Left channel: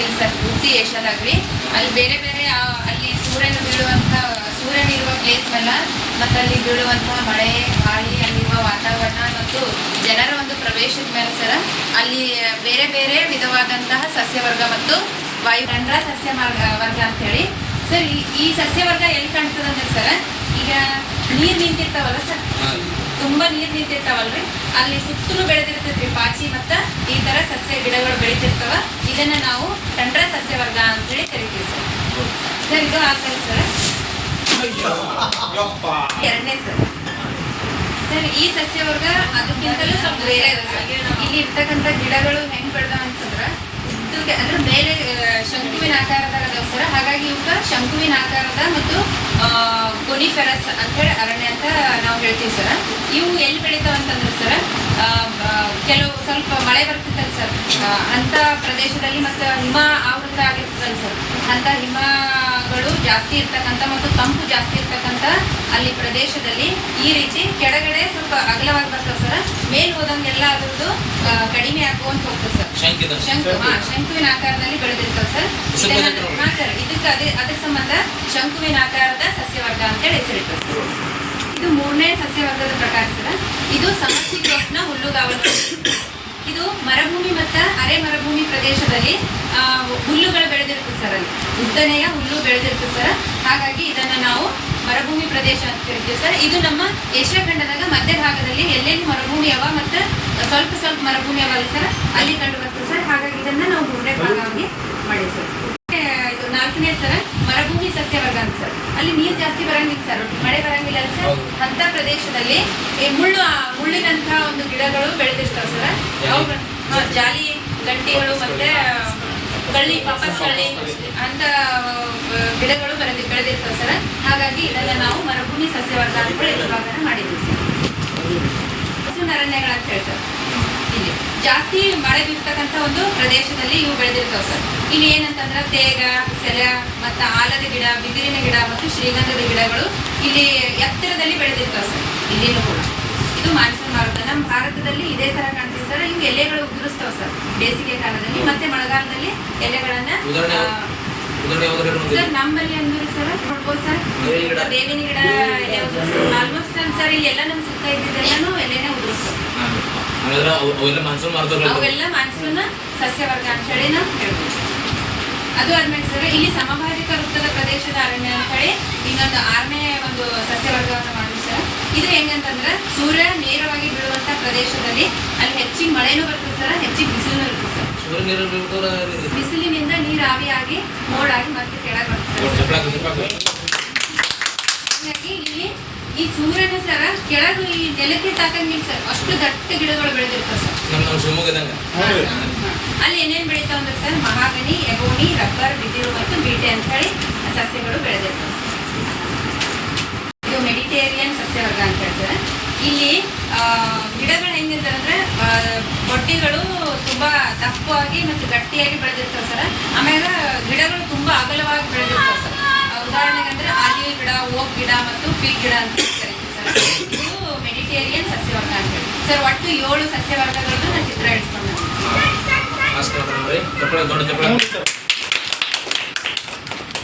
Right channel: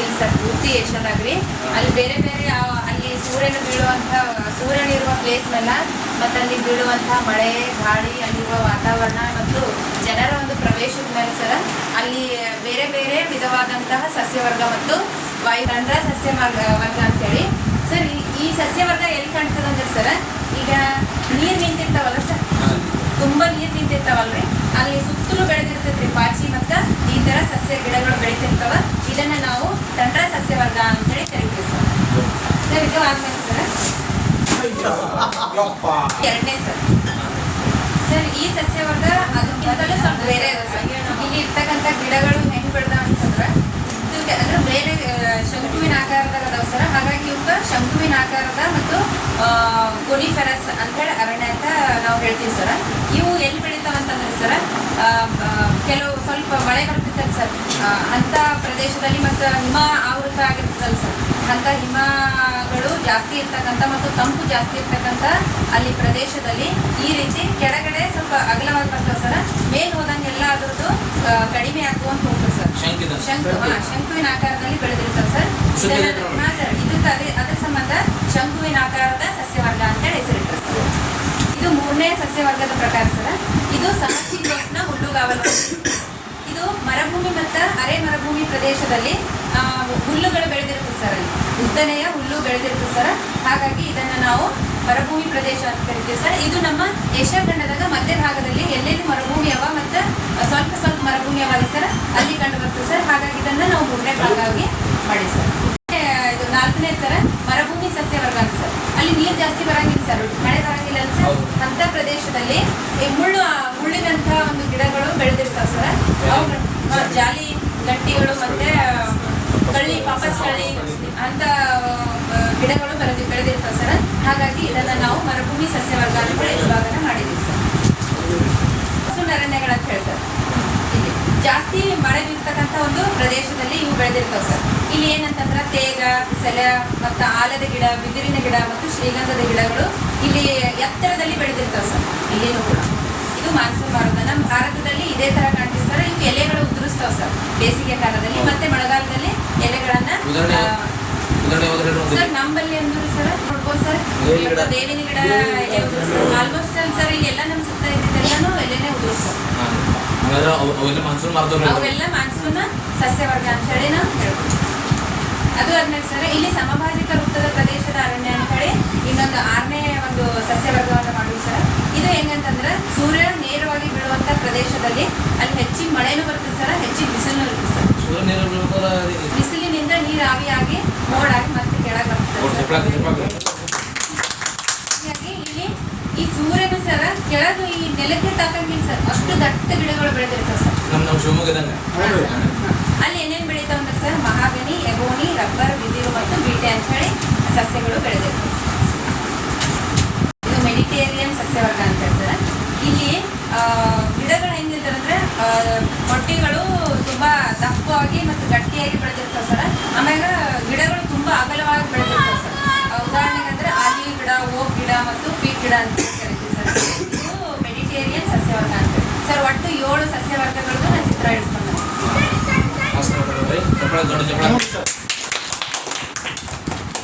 ಇಲ್ಲ ಸರ್ ಪೂರ್ತಿ ಏಷ್ಯಾದಾಗ ರೀ ಅಲ್ಲಿ ಬೇರೆ ಬೇರೆ ಅಲ್ಲಿ ಸೂರ್ಯನ ಬೀಳುವಂಥ ಸೂರ್ಯನಿರುವ ಪ್ಲೇಸ್ ಮೇಲೆ ಮತ್ತು ಅಲ್ಲಿ ಬೀಳುವಂಥ ಮಳೆ ಗಾಳಿ ಅಲ್ಲಿರುವ ವಾತಾವರಣ ಮತ್ತು ಜನರ ಒಂದು ಪ್ರವೇಶದ ಮೇಲೆ ಸರ್ ಅಲ್ಲಿ ಬೇರೆ ಬೇರೆ ವಿಧವಾದಂತಹ ಸಸ್ಯವರ್ಗ ಮತ್ತು ವಾಯು ರಂಧ್ರ ಸಸ್ಯ ವರ್ಗ ವರ್ಗ ಅಂತೇಳಿ. ಸರ್ ಈ ಈ ಸಸ್ಯವರ್ಗ ಎಲ್ಲಿ ಕಾಣ್ತದಂದ್ರೆ ಸರ್ ಈಗ ನೀರು ನಿಂತಿರ್ತಾವಲ್ಲ ಸರ್? ತುಂಬಾ ನೀರು ನಿಂತಿರ್ತಾವಲ್ರಿ? ಅಲ್ಲಿ ಸುತ್ತಲೂ ಬೆಳೆದಿರ್ತೈತ್ರಿ ಪಾಚಿ ಮತ್ತ ಈ ತರ ಸಸ್ಯ ಗಿಡಗಳು ಬೆಳಿತಿರ್ತಾವ, ಇದನ್ನ ನಾವು ತಂಡ್ರ ಸಸ್ಯವರ್ಗ ಅಂತೇಳಿ ಕರಿತೀವಿ ಸರ್. ಸರ್, ಇದು ಆದ್ಮೇಲೆ ಸರ್. ಎರಡನೇ ಸರ್. ಸರ್, ಈ ಸಸ್ಯವರ್ಗ ಅದಕ್ಕಿಂತಲೂ ಸ್ವಲ್ಪ ಬೇರೆ ಇದೆ ಸರ್. ಇಲ್ಲಿ ಇರ್ತಕ್ಕಂಥ ಗಿಡಗಳು ಹೆಂಗ್ ಬೆಳೆದಾವ ಅಂತಂದ್ರೆ ಅಂದ್ರೆ ಬೇರೆ ಶಂಕುವಿನ ಆಕಾರದಾಗ ಅದಾವ ಸರ್. ಹಾಗಾಗಿ ಇವಕ್ಕ ಶಂಕುವಿನ ಆಕಾರದ ಮತ್ತು ಕೊನಿಫೆರಸ್ ಅಂತೇಳಿ ಅರಣ್ಯ ಅಂತ ನಾವು ಹೇಳ್ತೀವಿ ಸರ್. ಇವು ಎಲ್ಲಿ ಬೆಳಿತಾವ ಅಂತಂದ್ರೆ ಸರ್ ಆ, ಆ, ಕೆಲವು ಸ್ವಲ್ಪ ಮಳೆ ಅಂತ ಪ್ರದೇಶದಲ್ಲಿ ಮತ್ತು ಹಿಮ ಆವೃತ ಆಗಿರ್ತದಲ್ಲ ಸರ್. ಅಂತ ಹಿಮಗಳು ಜಾಸ್ತಿ ಇರ್ತಕ್ಕಂಥ ಮತ್ತು ತಂಪು ಜಾಸ್ತಿ ಇರ್ತಕ್ಕಂಥ ಅಲ್ಲಿ ಪ್ರದೇಶದಲ್ಲಿ ಈ ರೀತಿ ಕೆಳಗಡೆ ಸ್ವಲ್ಪ ಅಗಲವಾಗಿ ಬರ್ತವೆ ಸರ್. ಮೇಲ್ ಹೋದಂಗೆಲ್ಲ ಅದ್ರದ್ದು ಕಡಿಮೆ ಆಗುವಂತ ಹೋಗ್ತದೆ ಸರ್. ಶಂಕು ಹಾ ಶಂಕುವಿನ ಆಕಾರದಲ್ಲಿ ಬೆಳೆದಿರ್ತವೆ ಸರ್. ಹಾ ಸರ್ ಇದಕ್ಕೆ ಅದೇ ಅದಕ್ಕೆ ಸಂಬಂಧ ಶಂಕುವಿನ ಆಕಾರದ ಸಸ್ಯವರ್ಗ ಅಂತೇಳಿ ಹೆಸರಿಟ್ಟರು ಸರ್. ಇದು ಮೂರನೇ ಸಸ್ಯವರ್ಗದ ಪ್ರಕಾರ ಸರ್. ಇದು ಸಮಸ್ಯೆ ಹುಲ್ಲುಗಾವಲು ಅರೆ ಮರುಭೂಮಿ ಪ್ರದೇಶದಲ್ಲಿ ಹುಲ್ಲುಗಳು ಬೆಳೆದಿರುತ್ತೆ ಸರ್ ಅಲ್ಲಿ. ಉದ್ದನೆಯ ಹುಲ್ಲು ಬೆಳೆದಿರುತ್ತೆ ಸರ್. ಹಾಗಾಗಿ ಇದನ್ನು ನಾವು ಮರುಭೂಮಿ ಪ್ರದೇಶ ಅಂತ ಕರಿತೀವಿ ಸರ್. ಇದು ನಮ್ಮ ಏಷ್ಯಾ ಖಂಡದಾಗ ಮಧ್ಯ ಭಾಗದಲ್ಲಿ ಎಲ್ಲೆಲ್ಲಿ ಮರುಭೂಮಿ ಅವ ಮತ್ತು ಸ್ವಲ್ಪ ಸ್ವಲ್ಪ ಮರುಭೂಮಿ ಅವಲ್ಲ ಸರ್ ಅಲ್ಲಿ ಕಂಡು ಬರ್ತದೆ ಸರ್. ಹಾಗಾಗಿ ಇದನ್ನು ನಾವು ಮೂರನೇ ಭಾಗವಾಗಿ ಮಾಡಿ ಸರ್. ಇದು ನಾಲ್ಕನೇ ಸರ್ ಮರುಭೂಮಿ ಸಸ್ಯವರ್ಗ ಅಂತ ಸರ್. ಅಲ್ಲಿ ನೀರು ಜಾಸ್ತಿ ಬರಂಗಿಲ್ಲ ಸರ್. ಮಳೆ ಬರಂಗಿಲ್ಲ ಅಲ್ಲ ಸರ್. ಅಂಥ ಪ್ರದೇಶದಲ್ಲಿ ಮುಳ್ಳು ಮುಳ್ಳಿನಂಥ ಒಂದು ಗಿಡಗಳು ಬೆಳೆದಿರ್ತಾವೆ ಸರ್. ಅವು ಜಾಲಿ ಗಟ್ಟಿಗಳು ಮತ್ತೆ ಕಳ್ಳಿ, ಪಾಪಸ್ ಕಳ್ಳಿ ಅಂತ ಗಿಡಗಳು ಬೆಳೆದಿ, ಬೆಳೆದಿರ್ತವೆ ಸರ್. ಹಾಗಾಗಿ ಇದನ್ನ ನಾವು ಮರುಭೂಮಿ ಸಸ್ಯವರ್ಗ ಅಂತ ವಿಭಾಗನ ಮಾಡಿದ್ದೀವಿ ಸರ್. ಅರಣ್ಯಗಳು ಅಂತ ಹೇಳಿ ಇಲ್ಲಿ ಜಾಸ್ತಿ ಮಳೆ ಬೀರ್ತಕ್ಕಂಥ ಒಂದು ಪ್ರದೇಶದಲ್ಲಿ ಇವು ಬೆಳೆದಿರ್ತವೆ ಸರ್. ಇಲ್ಲಿ ಏನಂತಂದ್ರೆ ತೇಗ, ಸೆಲೆ ಮತ್ತು ಆಲದ ಗಿಡ, ಬಿದಿರಿನ ಗಿಡ ಮತ್ತು ಶ್ರೀಗಂಧದ ಗಿಡಗಳು ಇಲ್ಲಿ ಎತ್ತರದಲ್ಲಿ ಬೆಳೆದಿರ್ತವೆ ಸರ್. ಇಲ್ಲಿನೂ ಕೂಡ ಇದು ಮಾನ್ಸೂನ್ ಭಾರತ ನಮ್ಮ ಭಾರತದಲ್ಲಿ ಇದೇ ತರ ಕಾಣ್ತೀವಿ ಸರ್ ಇವು ಎಲೆಗಳು ಉದುರಿಸ್ತಾವೆ ಸರ್. ಬೇಸಿಗೆ ಕಾಲದಲ್ಲಿ ಮತ್ತೆ ಮಳೆಗಾಲದಲ್ಲಿ ಎಲೆಗಳನ್ನ ಸರ್ ನಮ್ಮಲ್ಲಿ ಅಂದ್ರೆ ಸರ್ ನೋಡ್ಬೋದು ಸರ್. ಬೇವಿನ ಗಿಡ. ಆಲ್ಮೋಸ್ಟ್ ಸರ್ ಇಲ್ಲೆಲ್ಲ ನಮ್ಮ ಸುತ್ತ ಇದ್ದಿದ್ದೆಲ್ಲನೂ ಎಲೆನೇ ಅವು ಅವೆಲ್ಲ ಮನ್ಸೂನ್ ಸಸ್ಯವರ್ಗ ಅಂತ ಹೇಳಿ ನಾವು ಹೇಳ್ಬೋದು ಅದು ಆದ್ಮೇಲೆ ಸರ್ ಇಲ್ಲಿ ಸಮಭಾಜಿಕ ವೃತ್ತದ ಪ್ರದೇಶದ ಅರಣ್ಯ ಅಂತ ಹೇಳಿ ಇನ್ನೊಂದು ಆರನೇ ಒಂದು ಸಸ್ಯವರ್ಗವನ್ನು ಇದು ಹೆಂಗಂತಂದ್ರೆ ಸೂರ್ಯ ನೇರವಾಗಿ ಬೀಳುವಂತ ಪ್ರದೇಶದಲ್ಲಿ ಅಲ್ಲಿ ಹೆಚ್ಚಿಗೆ ಮಳೆನೂ ಬರ್ತದೆ ಸರ್ ಹೆಚ್ಚಿಗೆ ಬಿಸಿಲು ಇರುತ್ತೆ ಸರ್ ಬಿಸಿಲಿನಿಂದ ನೀರು ಆವಿಯಾಗಿ ಮೋಡಾಗಿ ಮತ್ತೆ ಕೆಳಗೆ ಬರ್ತದೆ ಚಪ್ಲಾಕ ಇಲ್ಲಿ ಈ ಸೂರ್ಯನು ಸರ್ ಕೆಳಗೆ ಈ ನೆಲಕ್ಕೆ ತಾಕಂಗಿಲ್ಲ ಸರ್ ಅಷ್ಟು ದಟ್ಟ ಗಿಡಗಳು ಬೆಳೆದಿರ್ತವೆ ಸರ್. ಅಲ್ಲಿ ಏನೇನು ಬೆಳೀತಾವ ಅಂದ್ರೆ ಸರ್ ಮಹಾಗನಿ ಎಗೋನಿ ರಬ್ಬರ್ ಬಿದಿರು ಮತ್ತು ಬೀಟೆ ಅಂತ ಹೇಳಿ ಸಸ್ಯಗಳು ಬೆಳೆದಿರ್ತವೆ ಇದು ಮೆಡಿಟೇರಿಯನ್ ಸಸ್ಯವರ್ಗ ಅಂತ ಹೇಳಿ ಸರ್ ಇಲ್ಲಿ ಗಿಡಗಳು ಹೆಂಗಿರ್ತಾರೆ ಅಂದ್ರೆ ಮೊಟ್ಟೆಗಳು ತುಂಬಾ ದಪ್ಪವಾಗಿ ಮತ್ತು ಗಟ್ಟಿಯಾಗಿ ಬೆಳೆದಿರ್ತಾವೆ ಸರ್. ಆಮೇಲೆ ಗಿಡಗಳು ತುಂಬಾ ಅಗಲವಾಗಿ ಬೆಳೆದಿರ್ತಾವೆ ಸರ್. ಉದಾಹರಣೆಗೆ ಅಂದ್ರೆ ಆಲಿವ್ ಗಿಡ, ಓಕ್ ಗಿಡ ಮತ್ತು ಪೀಕ್ ಗಿಡ ಅಂತ ಕರಿತೀವಿ ಸರ್. ಇದು ಮೆಡಿಟೇರಿಯನ್ ಸಸ್ಯವರ್ಗ ಅಂತ. ಸರ್, ಒಟ್ಟು ಏಳು ಸಸ್ಯವರ್ಗಗಳನ್ನು ನಾನು ಚಿತ್ರ ಇಳಿಸ್ಕೊಂಡು